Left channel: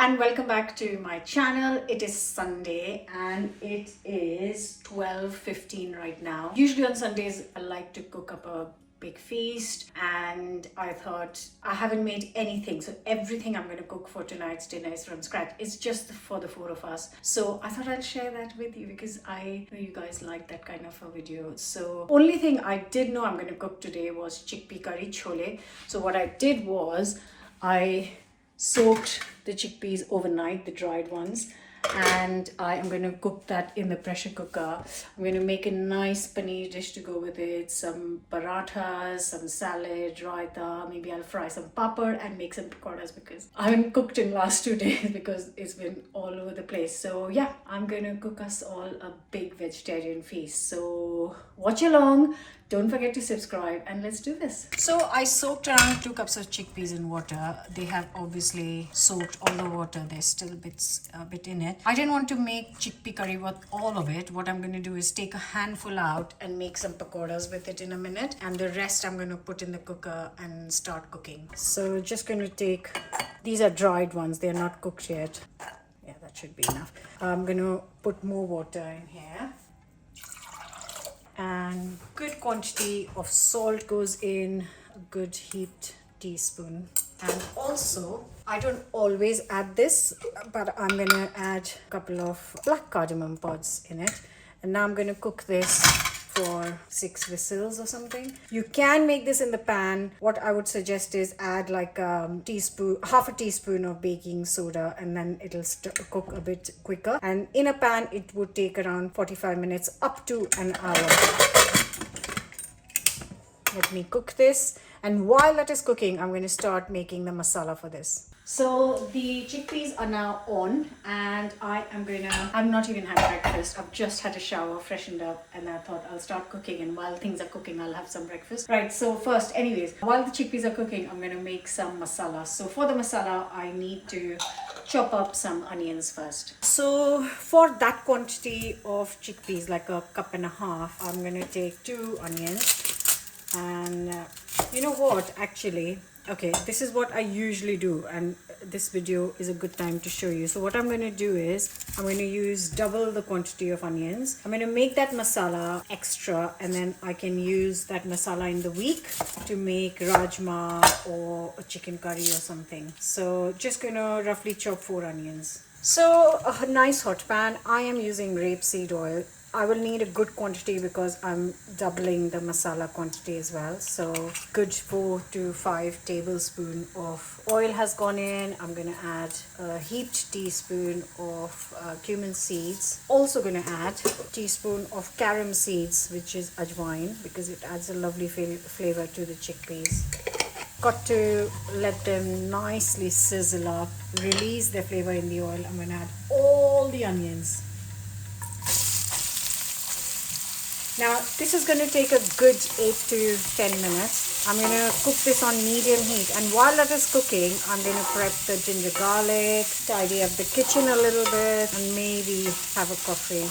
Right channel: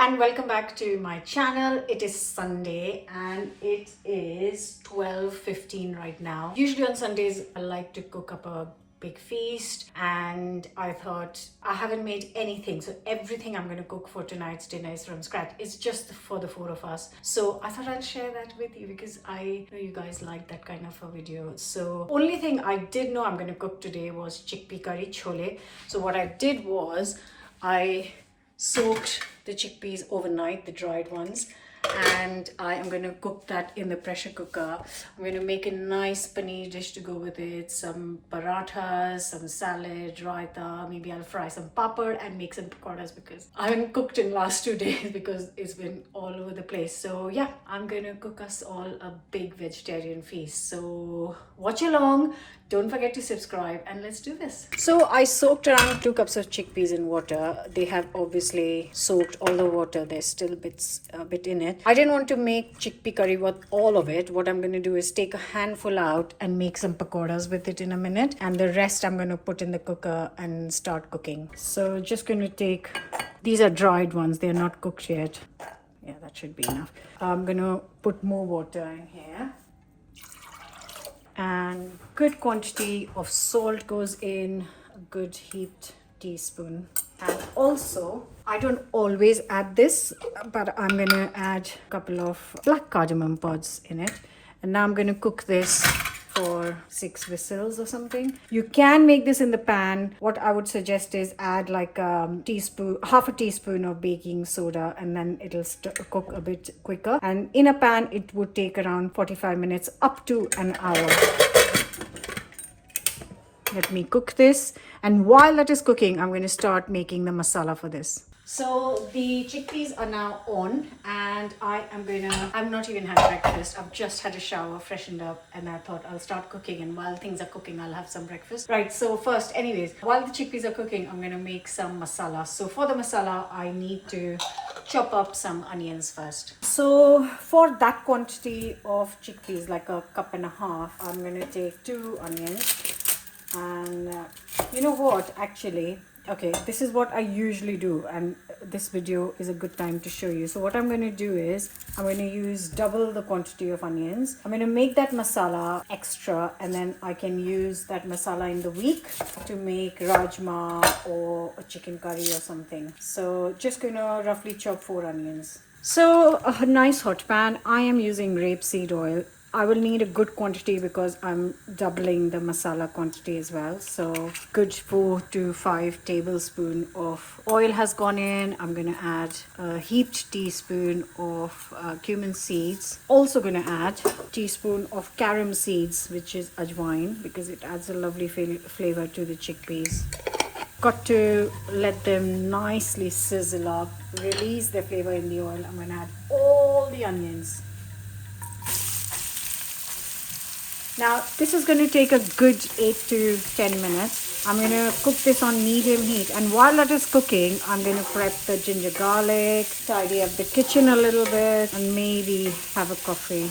and welcome back to my channel. It is Sunday and it is 12:15 right now. Usually on Sundays I like to cook up a big feast, and I thought I haven't made anything, so everything I'm going to cook for tonight's dinner is from scratch. It's just for the four of us, so I thought I'll share that with you because I know you guys like that kind of a video. So only thing I did know I'm going to cook today was chickpea curry, chole. So what I did was I soaked the chickpeas overnight, the dried ones, and I am going to cook that in the pressure cooker. I'm going to make a nice paneer dish to go with it, some parathas, some salad, raita, maybe I'll fry some papad and make some pakodas because I haven't cooked in last 2 days because it's been all over the place. So yeah, I'm going to cook us all a big vegetarian feast. So watch along. Don't forget to subscribe and let's do this. So I soaked around 2 cups of chickpeas in water. They have obviously soaked all the water. There's still a bit in it. I didn't want to make chickpea curry with all of it. What I'm going to do is take a handful out and make some pakodas with it in a minute. And the rest I'm going to put in the cooker and start cooking. So just going to take, these are dried ones. They're not cooked yet. Yeah, that should be enough. I'm going to put more water in here. And good quantity of salt goes in, a good heaped teaspoon. And also, I don't always add this, but I'm gonna add a couple of black cardamom pods in it. And now I'm gonna cook this for 6 whistles or something. You can make this in the pan. What I would suggest is add like half a teaspoon of baking soda, and then it'll cook a bit quicker. And in a pan, it would take around 45 minutes up to an hour. Let me cook this, and while that is cooking, I'm going to start making the masala for this. So the chickpeas are now on, and I've not even had breakfast. I've just had a shower, freshened up, and I thought I'll start cooking, and while things are cooking, I'll have some breakfast. Right, so first, anyways, while the chickpeas are cooking, I'm going to make some masala. So for the masala, I need to chop up some onions first. So for that quantity of chickpeas, like a cup and a half, I'm going to take 2 onions. And you know what, actually, okay, this is what I usually do, and this video is a good time to show you. So what I'm going to do is I'm going to use double the quantity of onions. I'm going to make that masala extra, and then I can use that masala in the week to make rajma or a chicken curry or something. So just going to roughly chop 4 onions. So a nice hot pan. I am using rapeseed oil. I will need a good quantity because I'm doubling the masala quantity as well. So good 4 to 5 tablespoons of oil has gone in. I'm going to add a heaped teaspoon of cumin seeds. Also going to add a teaspoon of carom seeds, which is ajwain, because it adds a lovely flavor to the chickpeas. Got to let them nicely sizzle up, release the flavor in the oil. I'm going to add all the onions. Now, this is going to take a good 8 to 10 minutes. I'm going to cook this on medium heat. And while that is cooking, I'm going to prep the ginger garlic, tidy up the kitchen a little bit, and maybe have a coffee.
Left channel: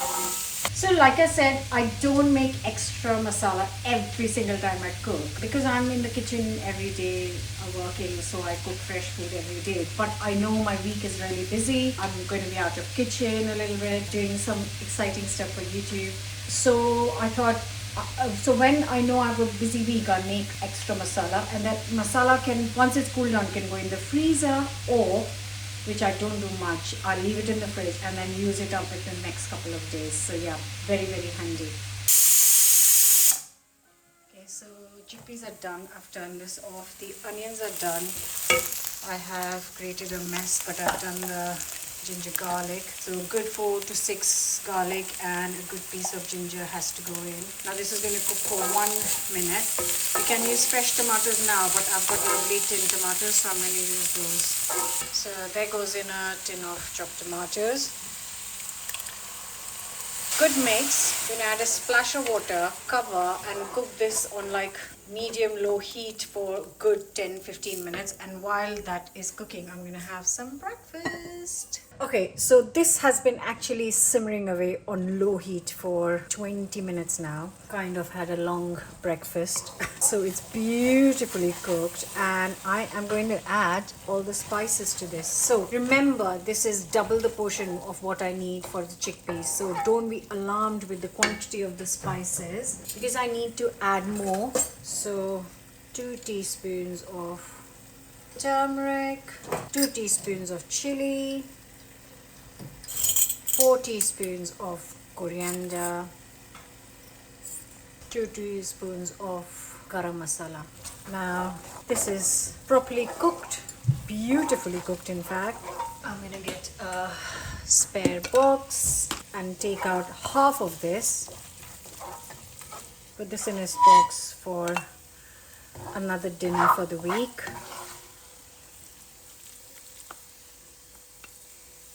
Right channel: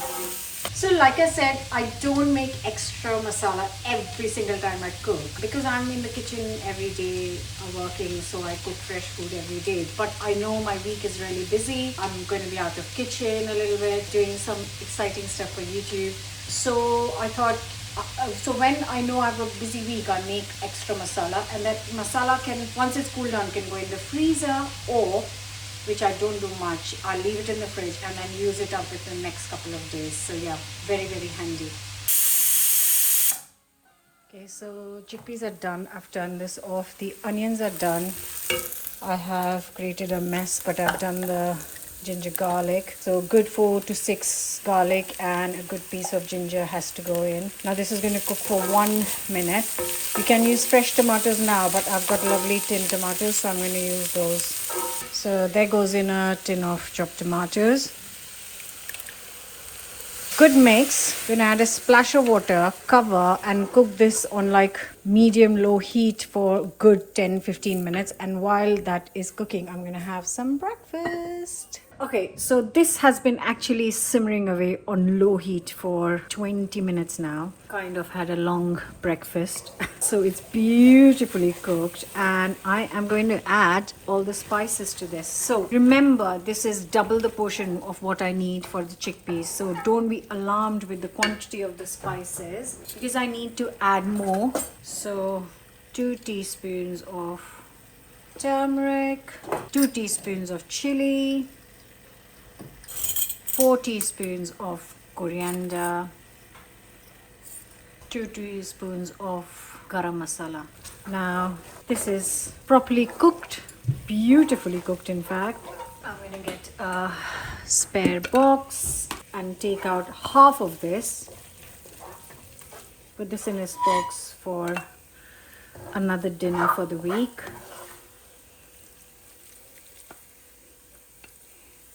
So like I said, I don't make extra masala every single time I cook because I'm in the kitchen every day working, so I cook fresh food every day. But I know my week is really busy. I'm going to be out of kitchen a little bit, doing some exciting stuff for YouTube. So I thought, so when I know I have a busy week, I'll make extra masala, and that masala can, once it's cooled down, can go in the freezer, or, which I don't do much, I'll leave it in the fridge and then use it up within the next couple of days. So yeah, very, very handy. Okay, so chickpeas are done. I've done this off. The onions are done. I have created a mess, but I've done the ginger garlic. So good 4 to 6 garlic and a good piece of ginger has to go in. Now this is going to cook for 1 minute. You can use fresh tomatoes now, but I've got lovely tin tomatoes, so I'm going to use those. So there goes in a tin of chopped tomatoes. Good mix. Going to add a splash of water, cover, and cook this on like medium-low heat for good 10-15 minutes. And while that is cooking, I'm going to have some breakfast. Okay, so this has been actually simmering away on low heat for 20 minutes now. Kind of had a long breakfast. So it's beautifully cooked, and I am going to add all the spices to this. So remember, this is double the portion of what I need for the chickpeas. So don't be alarmed with the quantity of the spices because I need to add more. So 2 teaspoons of turmeric, 2 teaspoons of chili, 4 teaspoons of coriander, 2 teaspoons of garam masala. Now this is properly cooked, beautifully cooked in fact. I'm going to get a spare box and take out half of this. Put this in a box for another dinner for the week.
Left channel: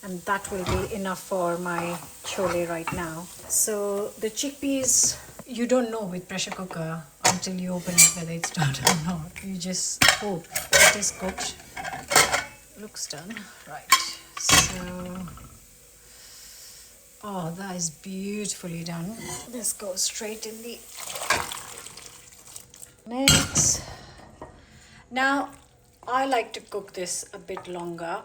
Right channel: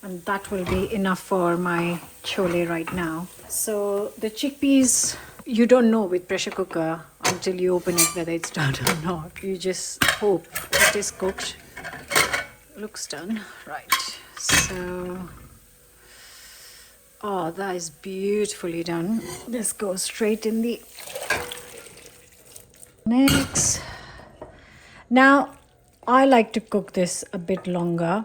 And that will be enough for my chole right now. So the chickpeas, you don't know with pressure cooker until you open it whether it's done or not. You just hope it is cooked. Looks done. Right. So, oh, that is beautifully done. This goes straight in the mix. Now, I like to cook this a bit longer.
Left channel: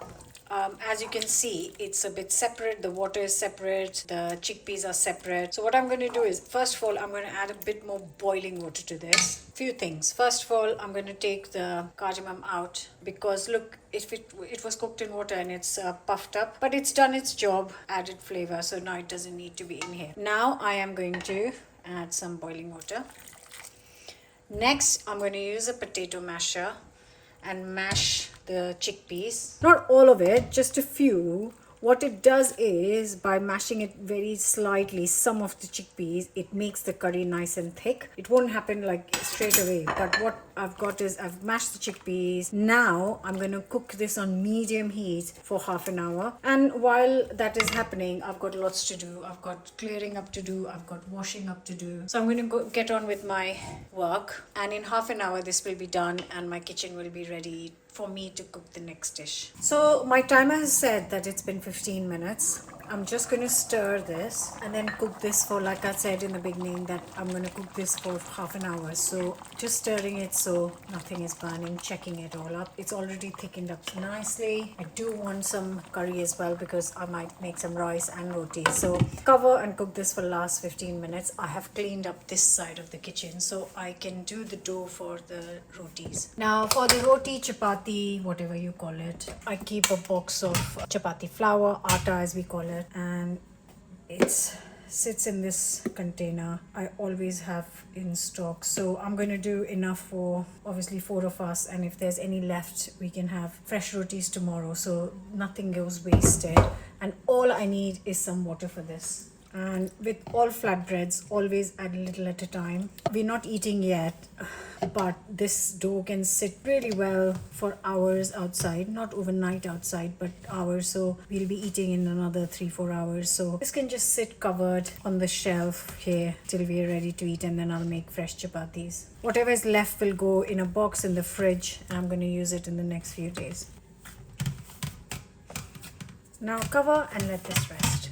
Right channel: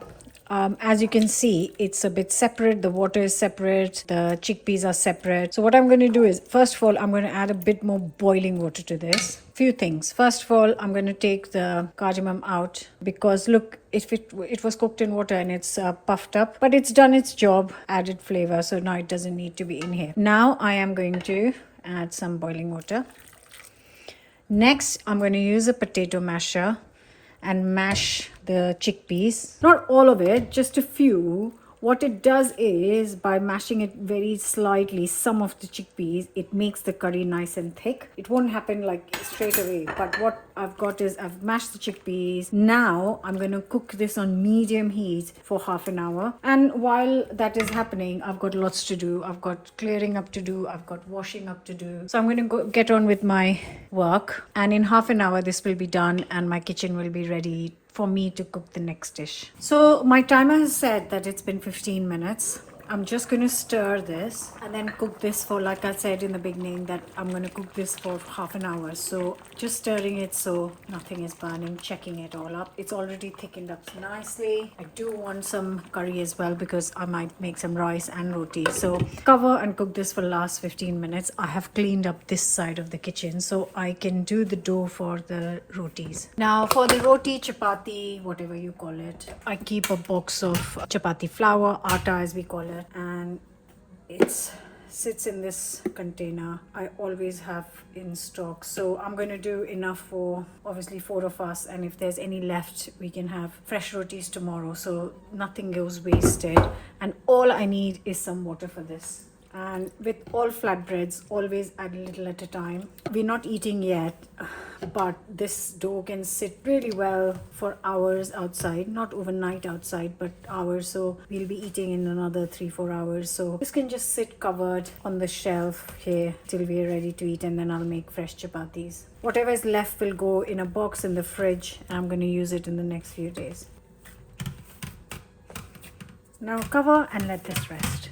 As you can see, it's a bit separate. The water is separate. The chickpeas are separate. So what I'm going to do is, first of all, I'm going to add a bit more boiling water to this. Few things. First of all, I'm going to take the cardamom out because look, if it was cooked in water and it's puffed up, but it's done its job, added flavor. So now it doesn't need to be in here. Now I am going to add some boiling water. Next, I'm going to use a potato masher and mash the chickpeas. Not all of it, just a few. What it does is, by mashing it very slightly, some of the chickpeas, it makes the curry nice and thick. It won't happen like straight away, but what I've got is I've mashed the chickpeas. Now I'm going to cook this on medium heat for half an hour. And while that is happening, I've got lots to do. I've got clearing up to do. I've got washing up to do. So I'm going to go get on with my work. And in half an hour, this will be done and my kitchen will be ready for me to cook the next dish. So my timer has said that it's been 15 minutes. I'm just going to stir this and then cook this for, like I said in the beginning, that I'm going to cook this for half an hour. So just stirring it so nothing is burning, checking it all up. It's already thickened up nicely. I do want some curry as well because I might make some rice and roti. So cover and cook this for the last 15 minutes. I have cleaned up this side of the kitchen so I can do the dough for the rotis. Now for the roti, chapati, whatever you call it, I keep a box of chapati flour, atta as we call it. And it sits in this container. I always have in stock, so I'm going to do enough for obviously 4 of us, and if there's any left we can have fresh rotis tomorrow, so nothing goes wasted. And all I need is some water for this. And with all flatbreads, always add a little at a time. We're not eating yet, but this dough can sit really well for hours outside, not overnight outside, but hours. So we'll be eating in another 3-4 hours. So this can just sit covered on the shelf here till we're ready to eat, and then I'll make fresh chapatis. Whatever is left will go in a box in the fridge. I'm going to use it in the next few days. Now cover and let this rest.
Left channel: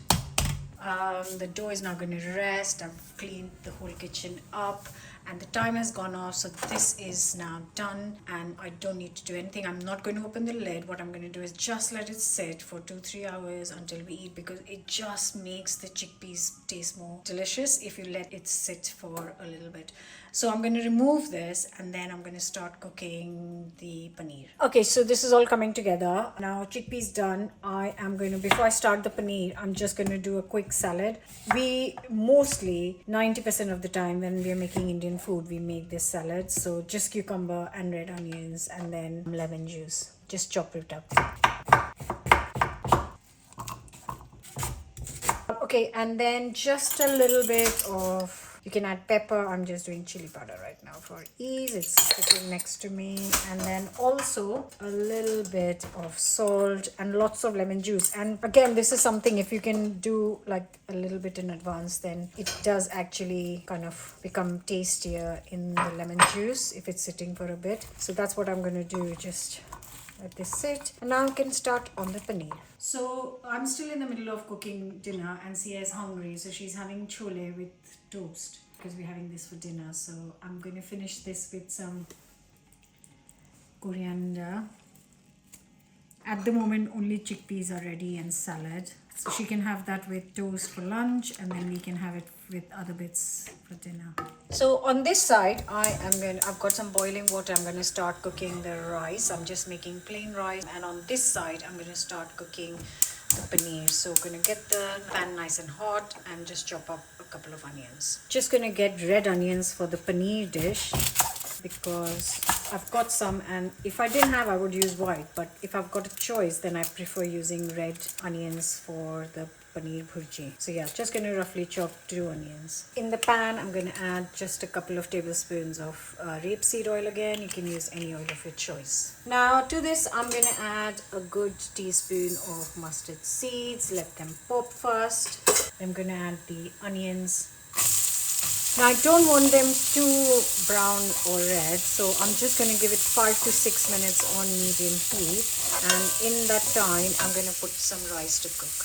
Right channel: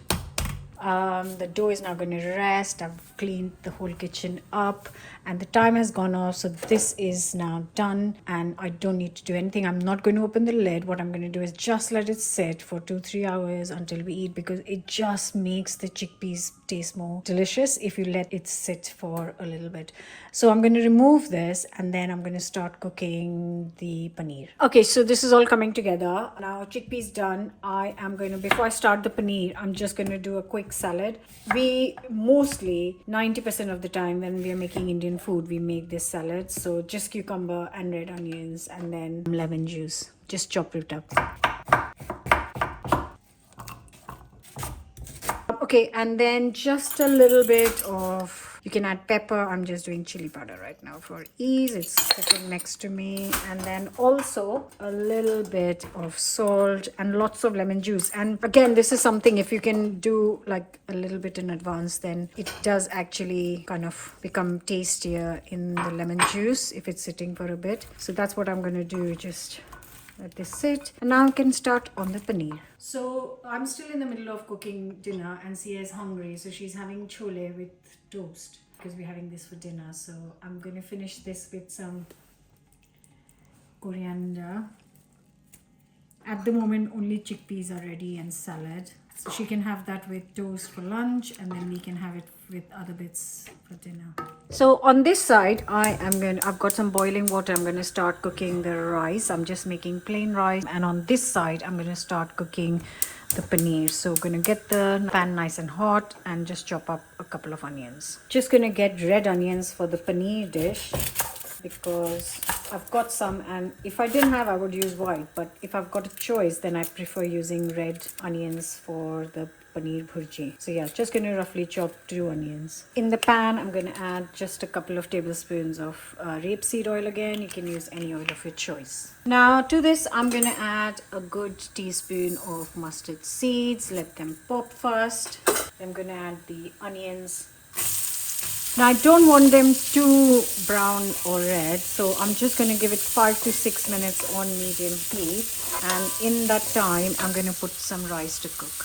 The dough is now going to rest. I've cleaned the whole kitchen up and the time has gone off, so this is now done and I don't need to do anything. I'm not going to open the lid. What I'm going to do is just let it sit for 2-3 hours until we eat, because it just makes the chickpeas taste more delicious if you let it sit for a little bit. So I'm going to remove this and then I'm going to start cooking the paneer. Okay, so this is all coming together. Now chickpeas done. I am going to, before I start the paneer, I'm just going to do a quick salad. We mostly 90% of the time when we are making Indian food, we make this salad. So just cucumber and red onions and then lemon juice. Just chop it up. Okay, and then just a little bit of, you can add pepper. I'm just doing chili powder right now for ease. It's sitting next to me. And then also a little bit of salt and lots of lemon juice. And again, this is something, if you can do like a little bit in advance, then it does actually kind of become tastier in the lemon juice if it's sitting for a bit. So that's what I'm going to do. Just Let this sit. And now I can start on the paneer. So I'm still in the middle of cooking dinner and Sia is hungry. So she's having chole with toast because we're having this for dinner. So I'm going to finish this with some coriander. At the moment only chickpeas are ready and salad. So she can have that with toast for lunch and then we can have it with other bits for dinner. So on this side I've got some boiling water. I'm going to start cooking the rice. I'm just making plain rice, and on this side I'm going to start cooking the paneer. So I'm going to get the pan nice and hot and just chop up a couple of onions. Just going to get red onions for the paneer dish because I've got some, and if I didn't have I would use white, but if I've got a choice then I prefer using red onions for the paneer bhurji. So yeah, just going to roughly chop 2 onions. In the pan I'm going to add just a couple of tablespoons of rapeseed oil. Again, you can use any oil of your choice. Now to this I'm going to add a good teaspoon of mustard seeds. Let them pop first. I'm going to add the onions. Now I don't want them too brown or red, so I'm just going to give it 5 to 6 minutes on medium heat, and in that time I'm going to put some rice to cook.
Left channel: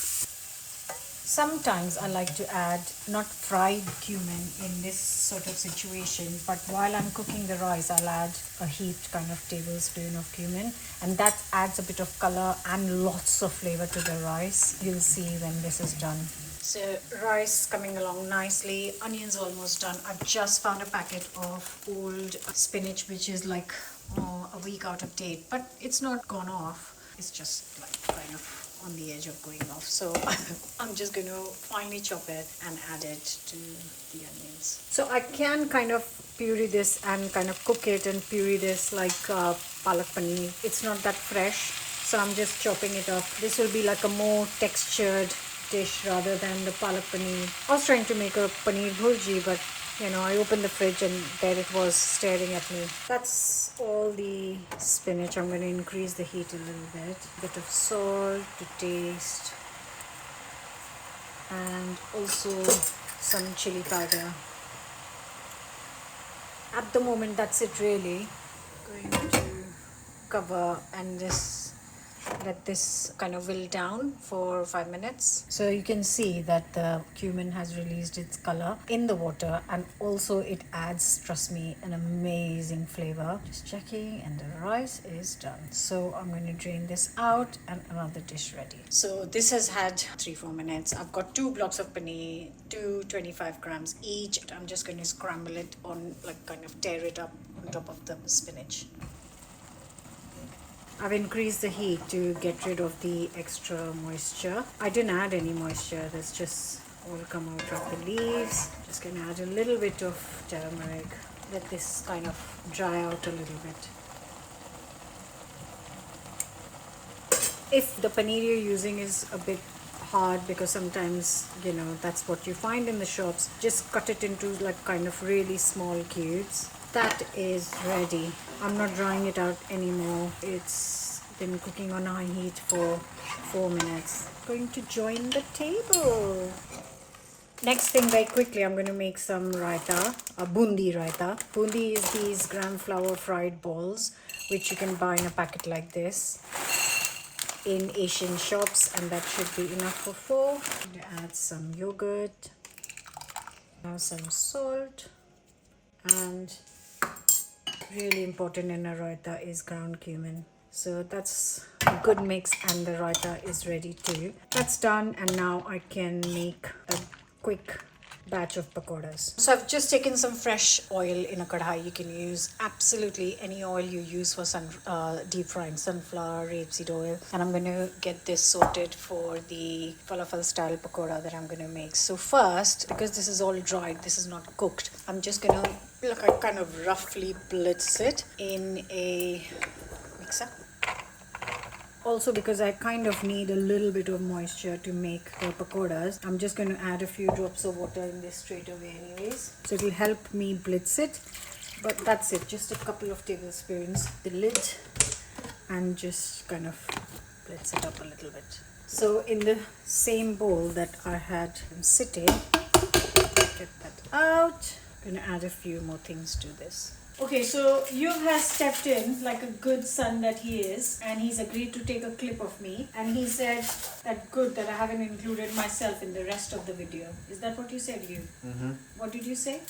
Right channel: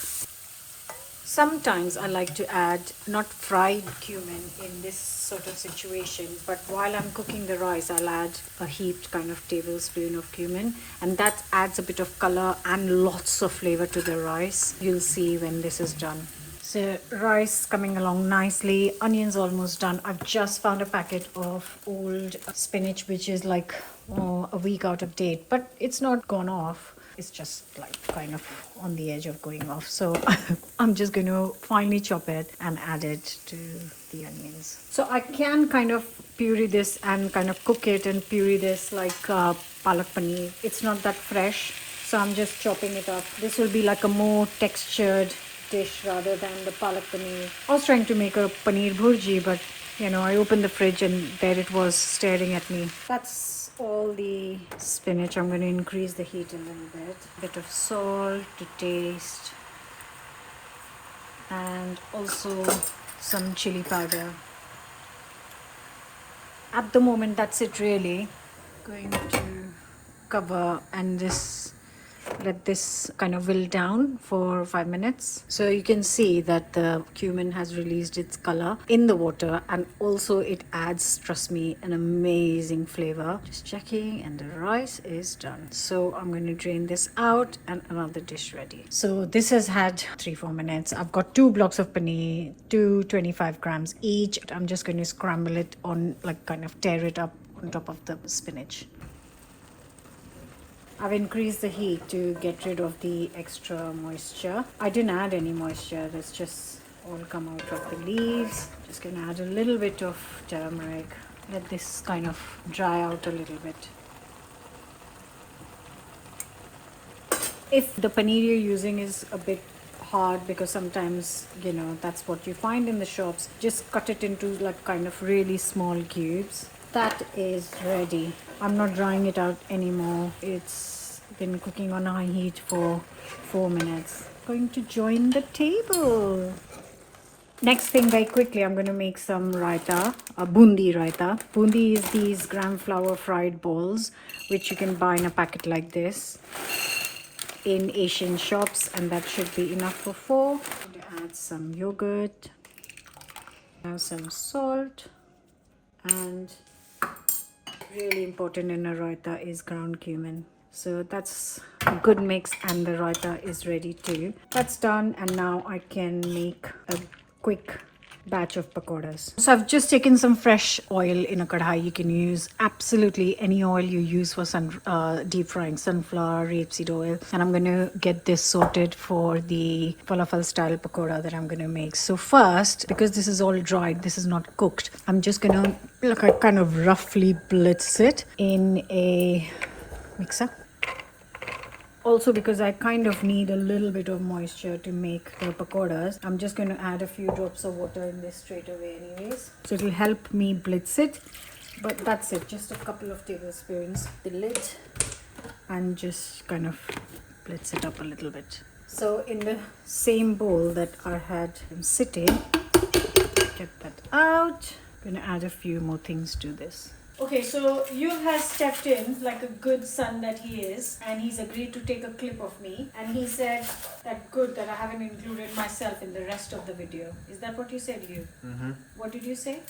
Sometimes I like to add not fried cumin in this sort of situation, but while I'm cooking the rice I'll add a heaped kind of tablespoon of cumin, and that adds a bit of color and lots of flavor to the rice. You'll see when this is done. So rice coming along nicely, onions almost done. I've just found a packet of old spinach which is like a week out of date, but it's not gone off. It's just like kind of on the edge of going off. So I'm just going to finely chop it and add it to the onions. So I can kind of puree this and kind of cook it and puree this like Palak Paneer. It's not that fresh, so I'm just chopping it up. This will be like a more textured dish rather than the Palak Paneer. I was trying to make a paneer bhurji, but you know, I opened the fridge and there it was staring at me. That's all the spinach. I'm going to increase the heat a little bit. A bit of salt to taste, and also some chili powder. At the moment that's it really. Going to cover and just let this kind of wilt down for 5 minutes. So you can see that the cumin has released its color in the water, and also it adds, trust me, an amazing flavor. Just checking, and the rice is done. So I'm going to drain this out and another dish ready. So this has had 3-4 minutes. I've got 2 blocks of paneer, 225 grams each. I'm just going to scramble it on, like kind of tear it up on top of the spinach. I've increased the heat to get rid of the extra moisture. I didn't add any moisture, that's just all come out of the leaves. Just gonna add a little bit of turmeric. Let this kind of dry out a little bit. If the paneer you're using is a bit hard, because sometimes, you know, that's what you find in the shops, just cut it into like kind of really small cubes. That is ready. I'm not drying it out anymore. It's been cooking on high heat for 4 minutes. Going to join the table. Next thing, very quickly, I'm going to make some raita, a bundi raita. Bundi is these gram flour fried balls, which you can buy in a packet like this in Asian shops, and that should be enough for 4. I'm going to add some yogurt, have some salt, and really important in a raita is ground cumin. So that's a good mix, and the raita is ready too. That's done, and now I can make a quick batch of pakodas. So I've just taken some fresh oil in a kadhai. You can use absolutely any oil you use for deep frying, sunflower, rapeseed oil. And I'm going to get this sorted for the falafel style pakoda that I'm going to make. So first, because this is all dried, this is not cooked, I'm just going to kind of roughly blitz it in a mixer. Also, because I kind of need a little bit of moisture to make the pakodas, I'm just going to add a few drops of water in this straight away anyways. So it will help me blitz it. But that's it, just a couple of tablespoons. The lid, and just kind of blitz it up a little bit. So in the same bowl that I had sitting, get that out. I'm going to add a few more things to this. Okay, so you has stepped in like a good son that he is, and he's agreed to take a clip of me. And he said that good that I haven't included myself in the rest of the video. Is that what you said, you? Mm-hmm. What did you say?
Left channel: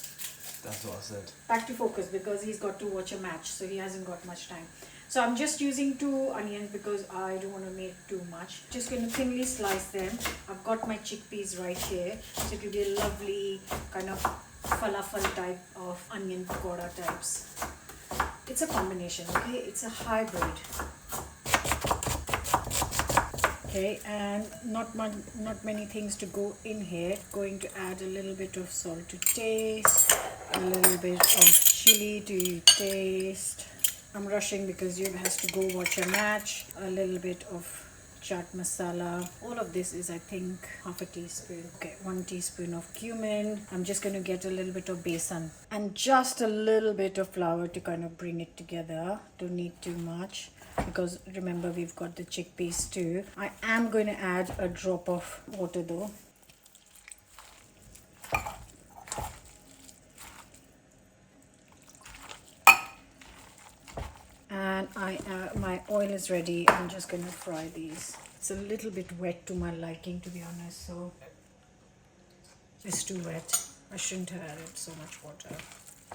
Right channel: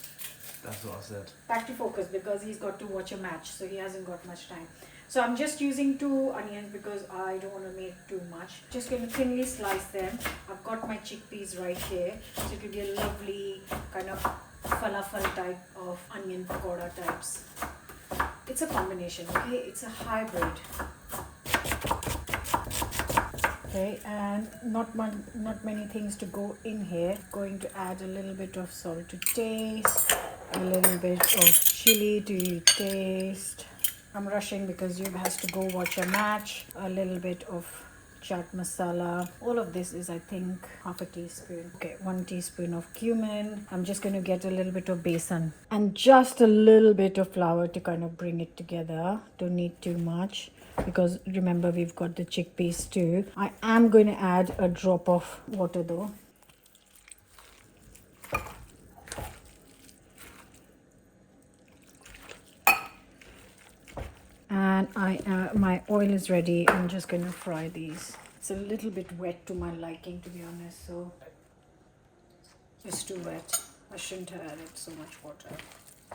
That's what I said. Back to focus, because he's got to watch a match, so he hasn't got much time. So I'm just using 2 onions because I don't want to make too much. Just going to thinly slice them. I've got my chickpeas right here, so it will be a lovely kind of falafel type of onion pakoda types. It's a combination, okay? It's a hybrid. Okay, and not many things to go in here. Going to add a little bit of salt to taste, a little bit of chili to taste. I'm rushing because you has to go watch a match. A little bit of chaat masala. All of this is, I think, half a teaspoon. Okay, 1 teaspoon of cumin. I'm just going to get a little bit of besan and just a little bit of flour to kind of bring it together. Don't need too much, because remember we've got the chickpeas too. I am going to add a drop of water though. And my oil is ready. I'm just going to fry these. It's a little bit wet to my liking, to be honest, so it's too wet. I shouldn't have added so much water.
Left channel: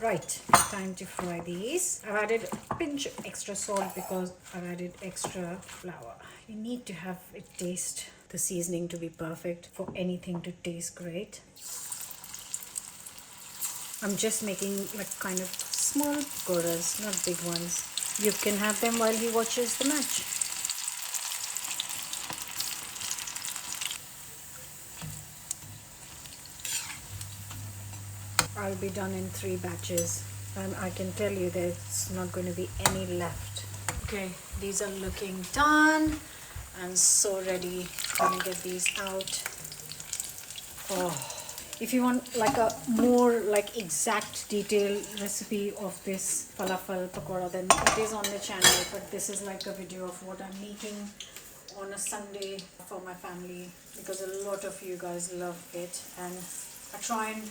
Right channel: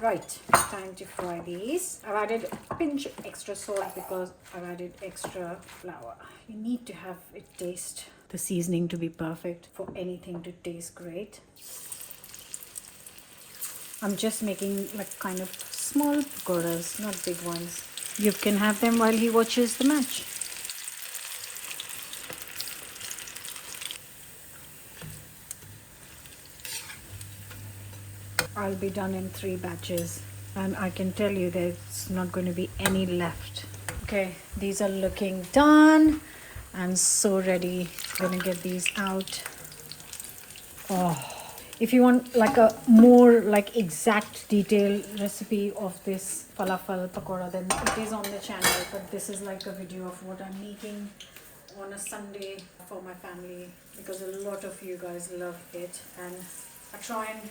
Right, time to fry these. I've added a pinch of extra salt because I've added extra flour. You need to have it taste, the seasoning to be perfect for anything to taste great. I'm just making like kind of small pakoras, not big ones. You can have them while he watches the match. I'll be done in 3 batches, and I can tell you there's not going to be any left. Okay, these are looking done and so ready. I'm going to get these out. Oh, if you want like a more like exact detailed recipe of this falafel pakoda, then it is on the channel, but this is like a video of what I'm making on a Sunday for my family, because a lot of you guys love it, and I try and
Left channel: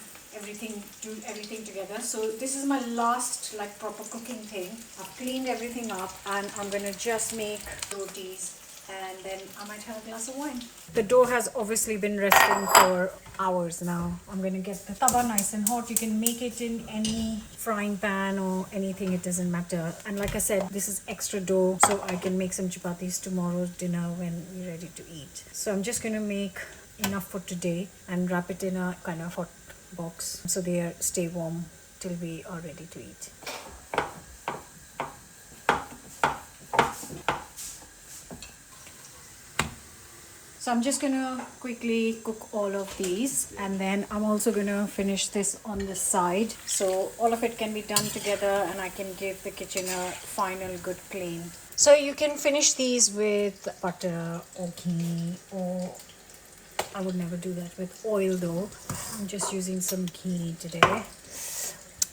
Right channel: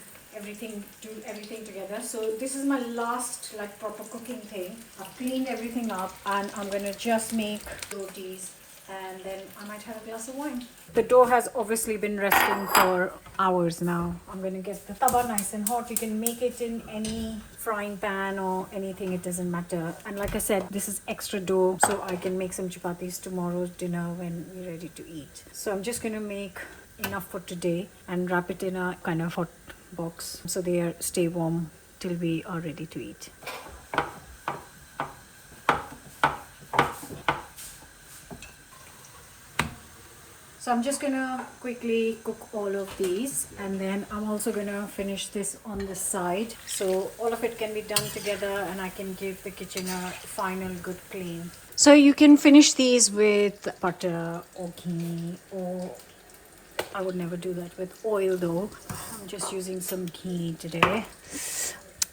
do everything together. So this is my last like proper cooking thing. I've cleaned everything up, and I'm gonna just make rotis, and then I might have a glass of wine. The dough has obviously been resting for hours now. I'm going to get the tawa nice and hot. You can make it in any frying pan or anything, it doesn't matter. And like I said, this is extra dough, so I can make some chapatis tomorrow's dinner when we're ready to eat. So I'm just going to make enough for today and wrap it in a kind of hot box so they stay warm till we are ready to eat. So I'm just gonna quickly cook all of these, and then I'm also gonna finish this on the side, so all of it can be done together and I can give the kitchen a final good clean. So you can finish these with butter or ghee, or I would never do that with oil though. I'm just using some ghee today.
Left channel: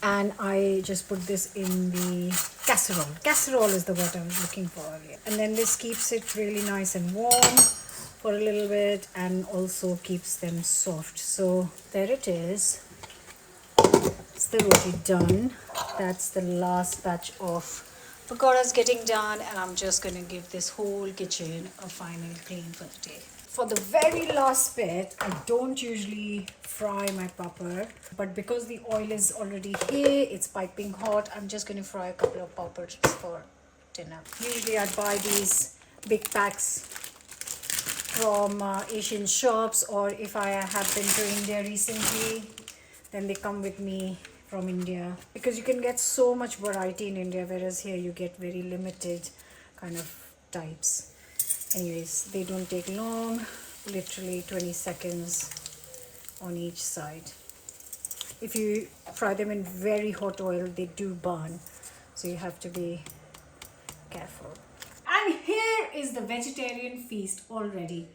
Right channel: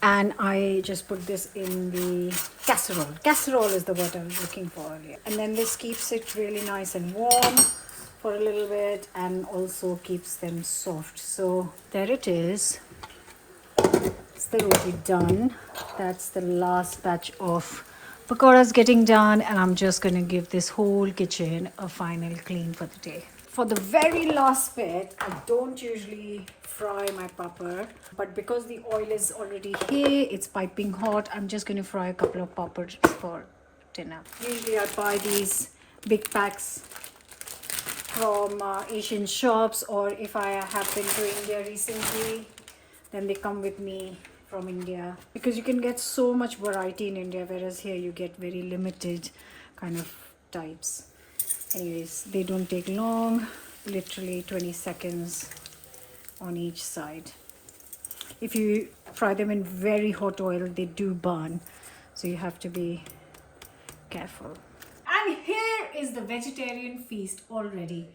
And I just put this in the casserole. Casserole is the word I was looking for earlier. And then this keeps it really nice and warm for a little bit, and also keeps them soft. So there it is. It's the roti done. That's the last batch of pakoras getting done, and I'm just going to give this whole kitchen a final clean for the day. For the very last bit, I don't usually fry my papad, but because the oil is already here, it's piping hot, I'm just going to fry a couple of papads for dinner. Usually I buy these big packs from Asian shops, or if I have been to India recently, then they come with me from India, because you can get so much variety in India, whereas here you get very limited kind of types. Anyways, they don't take long, literally 20 seconds on each side. If you fry them in very hot oil, they do burn, so you have to be careful. And here is the vegetarian feast already.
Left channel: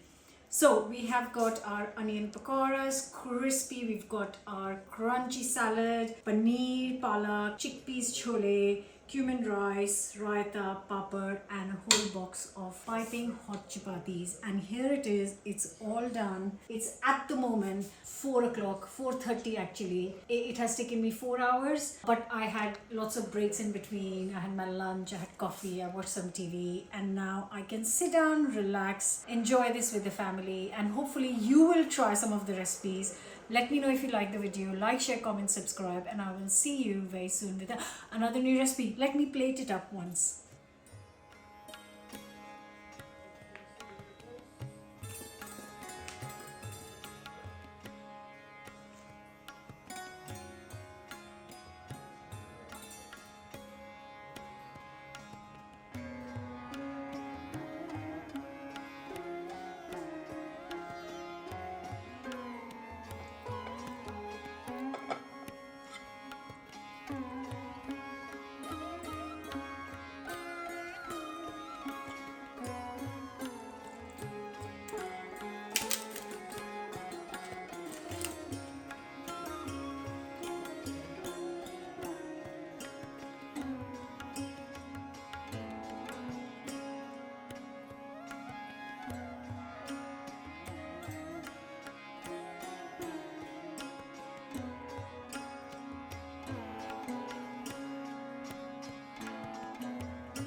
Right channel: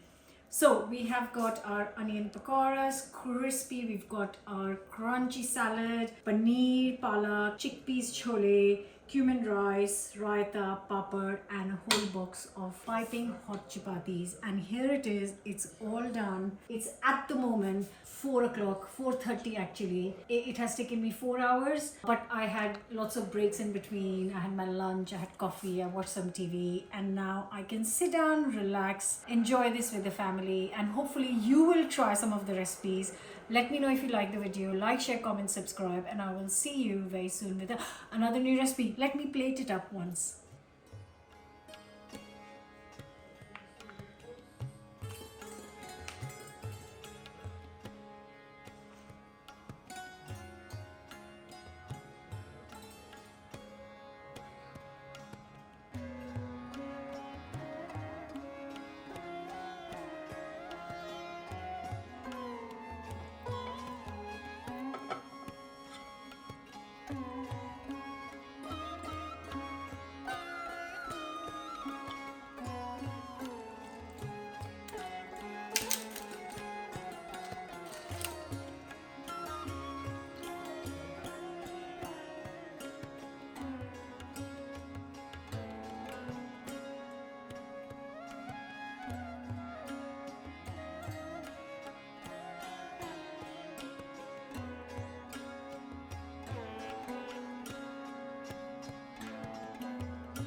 So we have got our onion pakoras, crispy. We've got our crunchy salad, paneer, palak, chickpeas, chole, cumin rice, raita, papad, and a whole box of piping hot chapatis. And here it is, it's all done. It's at the moment 4 o'clock, 4:30 actually. It has taken me 4 hours, but I had lots of breaks in between. I had my lunch, I had coffee, I watched some TV, and now I can sit down, relax, enjoy this with the family, and hopefully you will try some of the recipes. Let me know if you like the video. Like, share, comment, subscribe, and I will see you very soon with another new recipe. Let me plate it up once.